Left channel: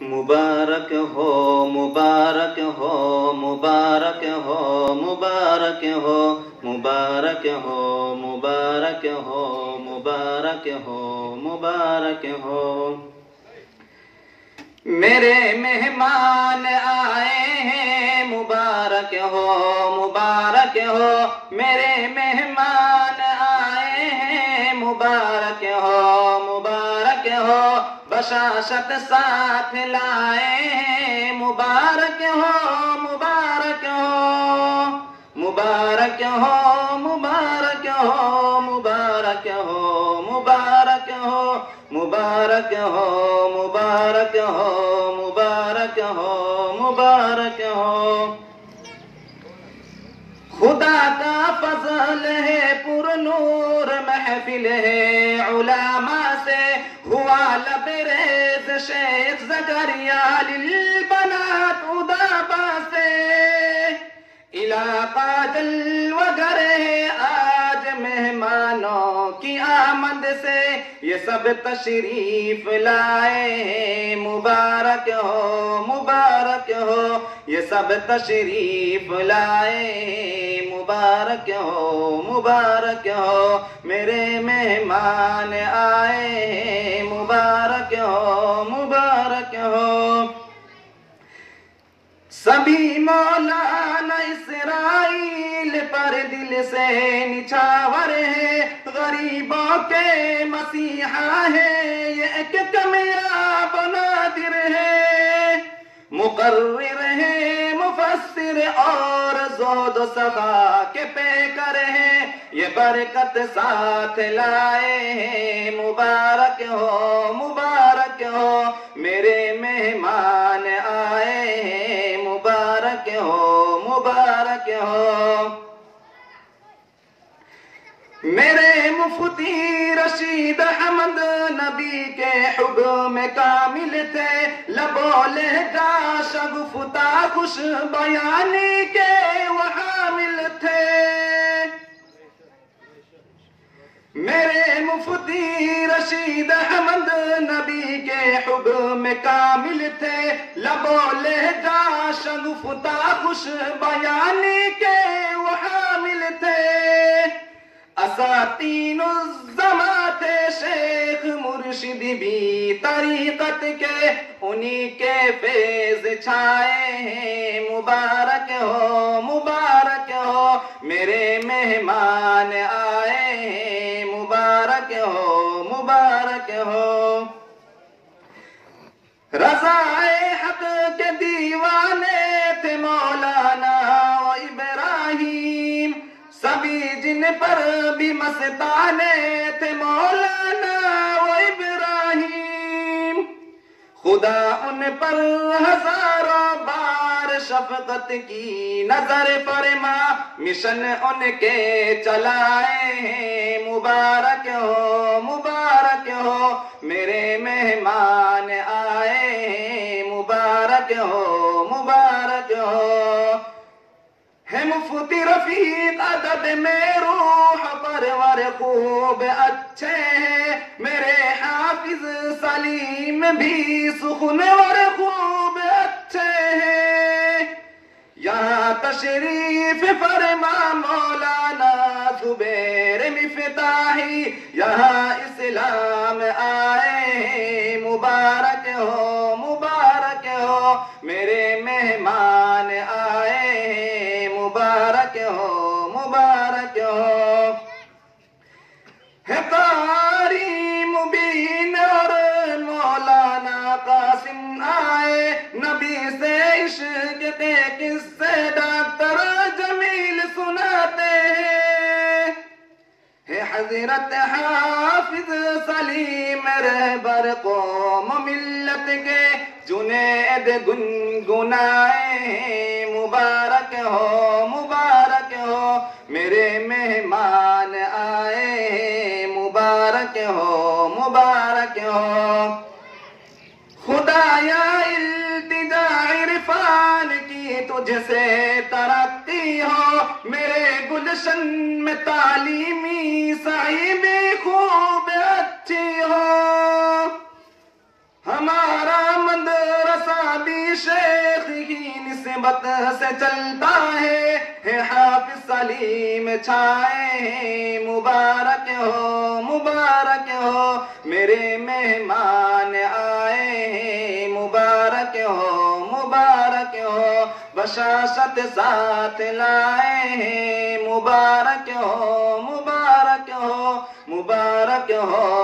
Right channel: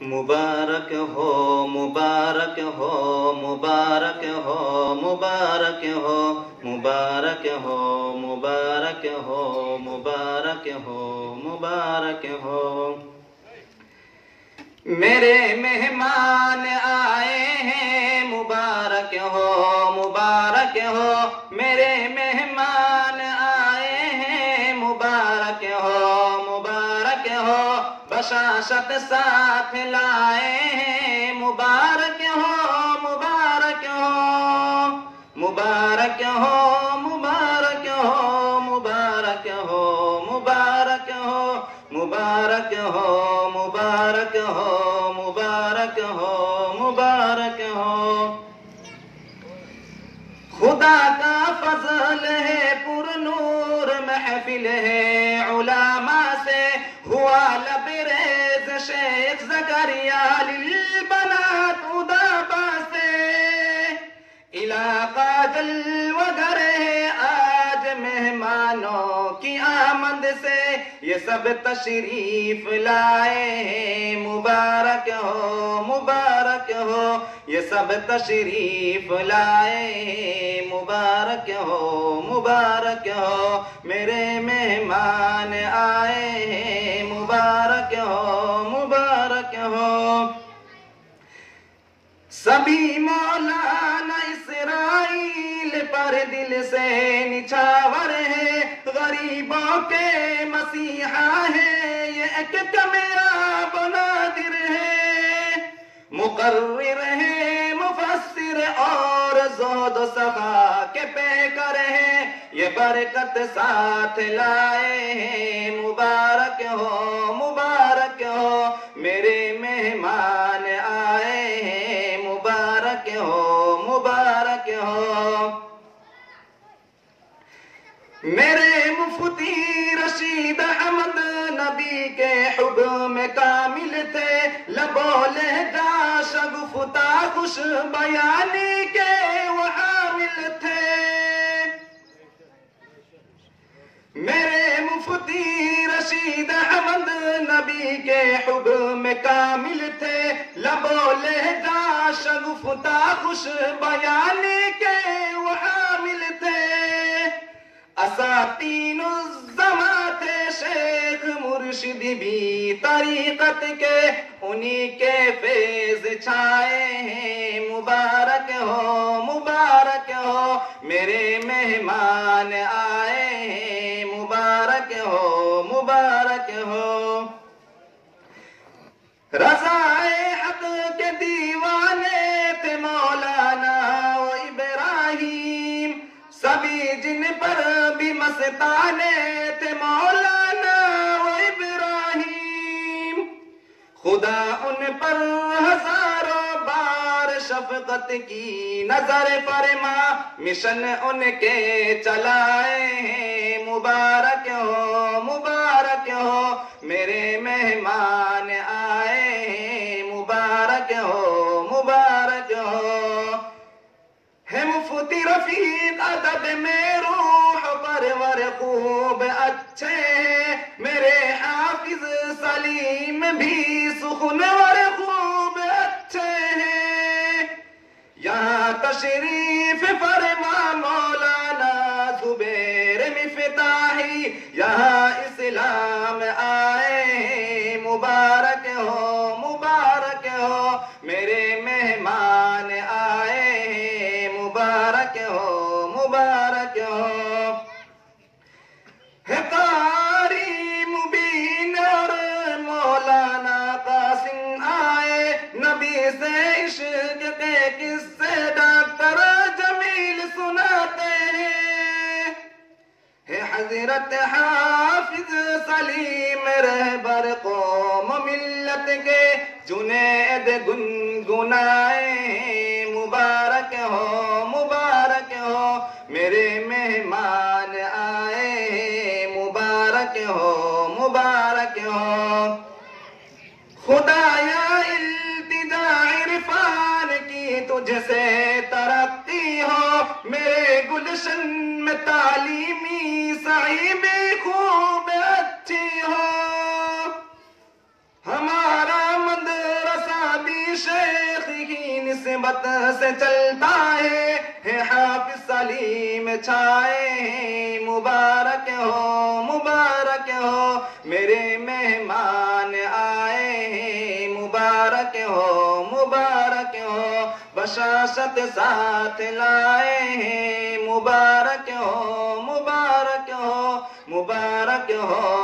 مبارک ہو مبارک ہو مبارک ہو مبارک ہو مبارک ہو مبارک ہو مبارک ہو مبارک ہو میرے مہمان آئے ہیں مبارک ہو مبارک ہو میرے مہمان آئے ہیں مبارک ہو مبارک ہو بشاشت ساتھ لائے ہیں مبارک ہو مبارک ہو مبارک ہو مبارک ہو مبارک ہو مبارک ہو مبارک ہو مبارک ہو مبارک ہو مبارک ہو خدا کا فضل ہے پر نور محفل ہے علماء سے ہوا لبریز شیخ زکریا للبنات ادابا سے علاقہ جلوگر ہے آج مہمانوں کی آمد سے یہ سب تشریف لائے ہیں مبارک ہو مبارک ہو یہ سب تشریف لائے ہیں مبارک ہو مبارک ہو میرے مہمان آئے ہیں مبارک ہو مبارک ہو سبھی مولانا اسرائیل پر دل سے نچھاور ہے غریبوں کے مسیحا ہے یہ ایک کامیاب نادر ہے مقرر ہے مفسر اور زہد و سخا کے پیکر ہیں یہ برکت ساتھ لائے ہیں مبارک ہو مبارک ہو میرے مہمان آئے ہیں مبارک ہو مبارک ہو میرے مفتی رشید احمد نبی کے حکم کامل تھے لبو لہجہ شگفتہ خوش بیانی کے وہ حامل تھے میرے مفتی رشید احمد نبی کے حکم کامل تھے لبو لہجہ شگفتہ خوش بیانی کے وہ حامل تھے اساتین الزماں تھے شیخ مرشد بھی طریقت کے انہی کے فیض چھائے ہیں مبارک ہو مبارک ہو میرے مہمان آئے ہیں مبارک ہو مبارک ہو رضائے حق کے دیوانے تھے مولانا و ابراہیم سبھی جن پر بھی مستانے تھے مولانا و ابراہیم خدا ان پر ہزاروں بار شفقت کی نظر فرما مشن ان کے چلائے ہیں مبارک ہو مبارک ہو میرے مہمان آئے ہیں مبارک ہو مبارک ہو ہے مفتی رفیق ادب میں روح پرور خوب اچھے ہیں میرے حافظ سلیم بھی سخنور خوب اچھے ہیں یہاں تشریف فرما مولانا زبیر مفتاحی یہاں اسلام آئے ہیں مبارک ہو مبارک ہو میرے مہمان آئے ہیں مبارک ہو مبارک ہو ہے قاری مبین اور مولانا قاسم آئے نبی سے عشق کے قصے ڈاکٹر جمیل سناتے ہیں ہے حضرت حافظ سلیم رہبر قوم ملت کے جنید گنگنائے ہیں مبارک ہو مبارک ہو میرے مہمان آئے ہیں مبارک ہو مبارک ہو خدایا التجا عرفان کی تجھ سے ترقی ہو میرے گلشن میں تعلیمی سعی بھی خوب اچھی ہو ہمارا مدرسہ وقت سے چلتا ہے حافظ سلیم چھائے ہیں، مبارک ہو میرے مہمان آئے ہیں، مبارک ہو بشاشت ساتھ لائے ہیں، مبارک ہو